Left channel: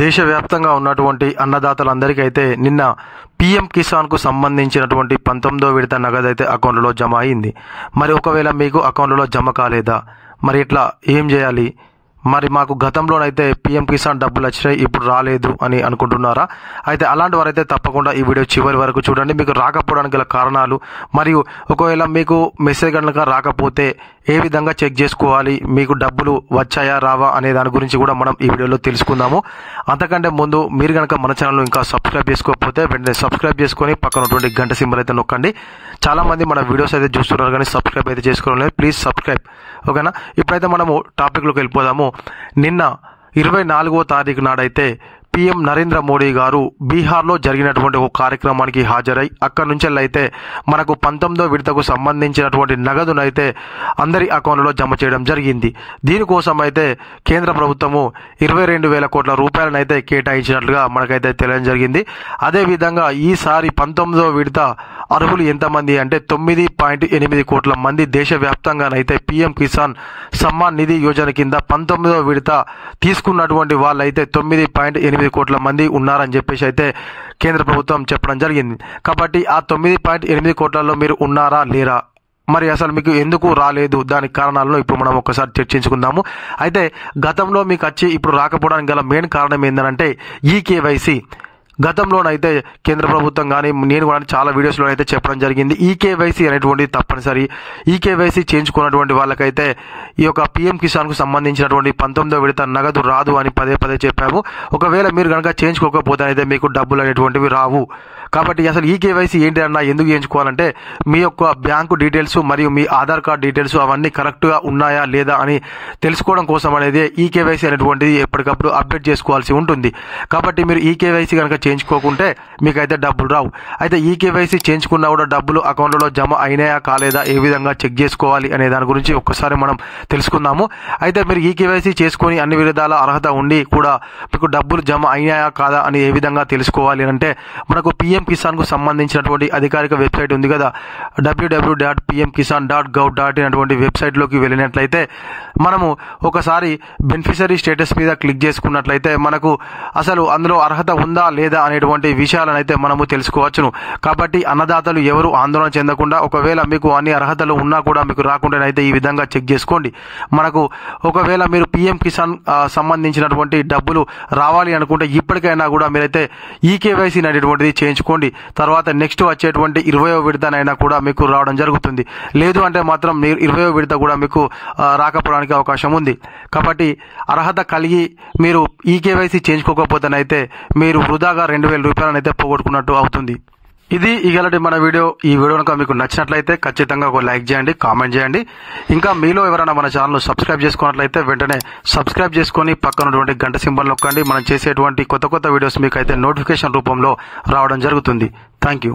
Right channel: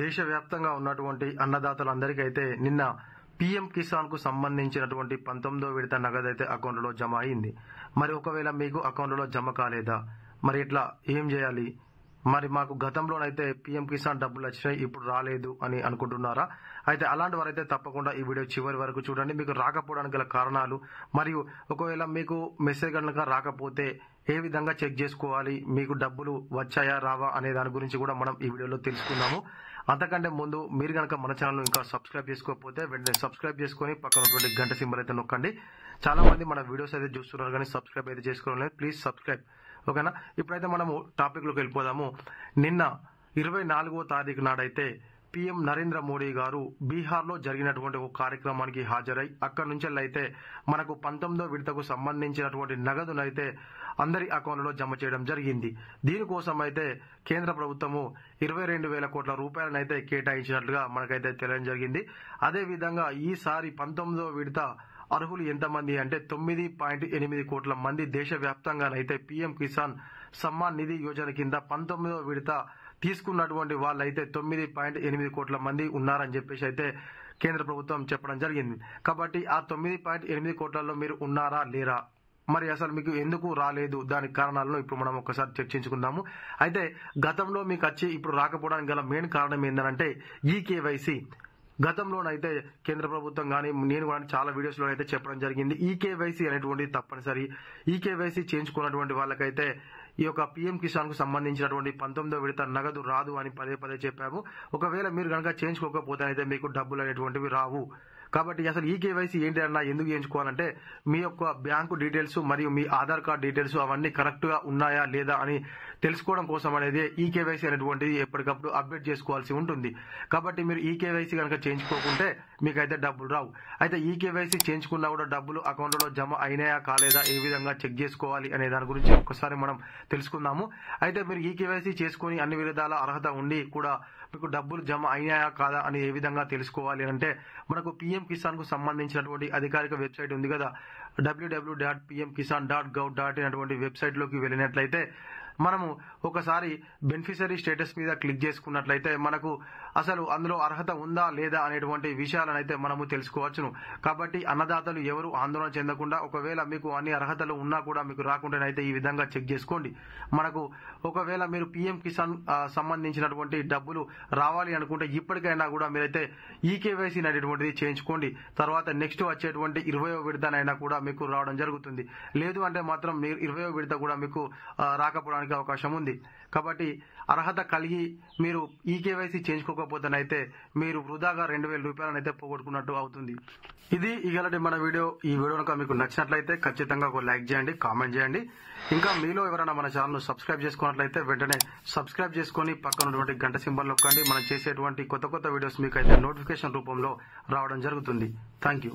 దేశవ్యాప్తంగా ఉన్నటువంటి అన్నదాతలందరికీ అయితే నిన్న పీఎం కిసాన్కు సంబంధించినటువంటి 19వ విడత నగదు అయితే అకౌంట్లో జమ అయింది. మరి ఒకవేళ మీకు అకౌంట్లో జమ కాలేదా, మరి ఇట్లా ఏం చేయాలి? మరి మాకు గతంలోనైతే పీఎం కిసాన్ డబ్బులు వచ్చినాయి, ఇప్పుడు రాలేదు అని అనుకుంటున్నారా? అయితే అలాంటి వారైతే తప్పకుండా ఈ వీడియో చివరి వరకు చూడండి. మీకు రాకపోవడానికి గల కారణాలు, మరియు ఒకవేళ మీకు మెసేజ్ కనుక రాకపోతే ఏ విధంగా చెక్ చేసుకోవాలి, మీకు డబ్బులు వచ్చాయా రావా అనే దాని గురించి కూడా మనం ఈ వీడియోలో తెలుసుకుందాము. అంతకంటే ముందు మీరు కనుక మన ఛానల్ ఇంకా సబ్స్క్రైబ్ చేసుకోకపోతే వెంటనే సబ్స్క్రైబ్ చేసుకొని పక్కన ఉన్నటువంటి గంట సింబల్ అయితే నొక్కండి. చాలామంది మన వీడియోస్ అయితే చూస్తున్నారు కానీ సబ్స్క్రైబ్ అయితే చేసుకోలేదు. ప్లీజ్ సబ్స్క్రైబ్, ఓకేనా? ఇప్పుడైతే మనము టాపిక్లోకి వెళ్ళిపోదాము. నిన్న 24వ తారీఖు నాడైతే పీఎం నరేంద్ర మోడీ గారు బీహార్లో జరిగినటువంటి ఒక కార్యక్రమానికి హాజరై అక్కడి నుంచి అయితే మనకు 19వ విడతకు సంబంధించినటువంటి నగదునైతే అందరి అకౌంట్లో జమ చేయడం జరిగింది. దీనికోసం అయితే కేంద్ర ప్రభుత్వము 22,000 కోట్ల రూపాయలను అయితే కేటాయించినట్లుగా మనకైతే తెలియడం జరిగింది. అదేవిధంగా ఈసారి 19వ విడత అర్హులు ఎంతమంది అంటే 9.8 కోట్ల మంది దేశవ్యాప్తంగానైతే పీఎం కిసాన్ సమ్మాన్ నిధి యోజన కింద 19వ విడత తీసుకున్నటువంటి వాళ్ళైతే 9.8 కోట్ల మంది ఉన్నారని చెప్పేసి అయితే కేంద్ర ప్రభుత్వం చెప్పడం జరిగింది. కాబట్టి ఆ 9.8 కోట్లలో మీరు ఉన్నారా లేరా, మరి అసలు మీకు ఎందుకు రాలేదు, దానికి కారణాలను ఇప్పుడు మనం ఒకసారి చర్చించుకుందాము. అయితే గతంలో మీకు వచ్చి ఇప్పుడు రాకపోవడానికి గల మెయిన్ కారణం ఏంటంటే ఈకేవైసీ. గతంలోనైతే కేంద్ర ప్రభుత్వం కానీ నేను కూడా చాలా వీడియోస్లో అయితే చెప్పడం జరిగింది. ఈకేవైసీ అనేటువంటిది తప్పనిసరి. ఈకేవైసీ చేయించుకున్నటువంటి వాళ్ళకైతే ఈ యొక్క పీఎం కిసాన్కు సంబంధించినటువంటి 19వ విడత నగదు రాదు అని పదే పదే చెప్పాము. ఒకవేళ మీరు కనుక చేయించుకోకపోతే అయితే మీకు డబ్బులు అనేటువంటివి రావు. కాబట్టి అసలు ఈకేవైసీ ఏంటి అన్నా, ఎందుకు చేయించుకోవాలంటే మీ యొక్క బ్యాంకు డీటెయిల్స్ మరియు మీ ఆధార్ కార్డ్ డీటెయిల్స్ అవన్నీ కరెక్ట్గా ఉన్నాయా లేదా అని తెలుసుకోవడం కోసం అనేది ఈకేవైసీ అనేటువంటిది ఎప్పటికప్పుడు అప్డేట్ చేసుకోవాల్సి ఉంటుంది. కాబట్టి మీరు ఈకేవైసీ కనుక చేయించుకోకుంటే మీకైతే డబ్బులు రావు. అయితే ఈకేవైసీ చేయించుకున్నా కూడా డబ్బులు అకౌంట్లో జమ అయినాయా కాలేదా, ఏ విధంగా చెక్ చేసుకోవాలి అనే దాని గురించి ఒక్కసారి మనం తెలుసుకుందాము. అయితే మీరు ఈకేవైసీ చేసుకొని అన్ని విధాల అర్హత ఉండి కూడా మీకు డబ్బులు జమ అయినాయా కాదా అని ఏ విధంగా తెలుసుకోవాలి అంటే మనకు పీఎం కిసాన్కు సంబంధించినటువంటి అధికారిక వెబ్సైట్ ఉంది కదా, www.pmkisan.gov.in అటువంటి వెబ్సైట్లోకి వెళ్ళినట్లయితే మనము ఒకసారి బెనిఫిషరీ స్టేటస్ మీద క్లిక్ చేసుకున్నట్లయితే మనకు అసలు అందులో అర్హత ఉందా లేదా అనేటువంటి విషయాలను అయితే మనము తెలుసుకోవచ్చును. కాబట్టి అన్నదాతలు ఎవరు ఆందోళన చెందకుండా, ఒకవేళ మీకు అన్ని అర్హతలు ఉన్నా కూడా మీకు రాకుండానైతే ఈ విధంగా చెక్ చేసుకోండి. మనకు ఒకవేళ మీరు పీఎం కిసాన్ సంబంధించినటువంటి డబ్బులు రావాలి అనుకుంటే ఇప్పటికైనా కూడా మీరైతే ఈకేవైసీ అనేటువంటిది చేయించుకోండి. తర్వాత నెక్స్ట్ వచ్చేటువంటి 20వ విడతనైనా కూడా మీకు రావడం జరుగుతుంది. లేదు అంటే మాత్రం మీరు 20వ విడత కూడా మీకు రాకపోవడానికి అవకాశం ఉంది. కాబట్టి అర్హత కలిగి మీరు ఈకేవైసీ చేయించుకోకపోతేనైతే మీరు వృధాగా 2,000 రూపాయలను అయితే పోగొట్టుకున్నట్టు అవుతుంది. ఇది ఇగలటి మన వీడియో. ఈ వీడియో కనుక మీకు నచ్చినట్లయితే ఖచ్చితంగా ఒక లైక్ చేయండి, కామెంట్ చేయండి. ఇంకా మీలో ఎవరైనా మన ఛానల్ సబ్స్క్రైబ్ చేసుకున్నట్లయితే వెంటనే సబ్స్క్రైబ్ చేసుకొని పక్కన ఉన్నటువంటి గంట సింబల్ నొక్కండి. మనం చేసేటువంటి కొత్త వీడియోస్ మీకు అయితే నోటిఫికేషన్ రూపంలో రావడం జరుగుతుంది. Thank you.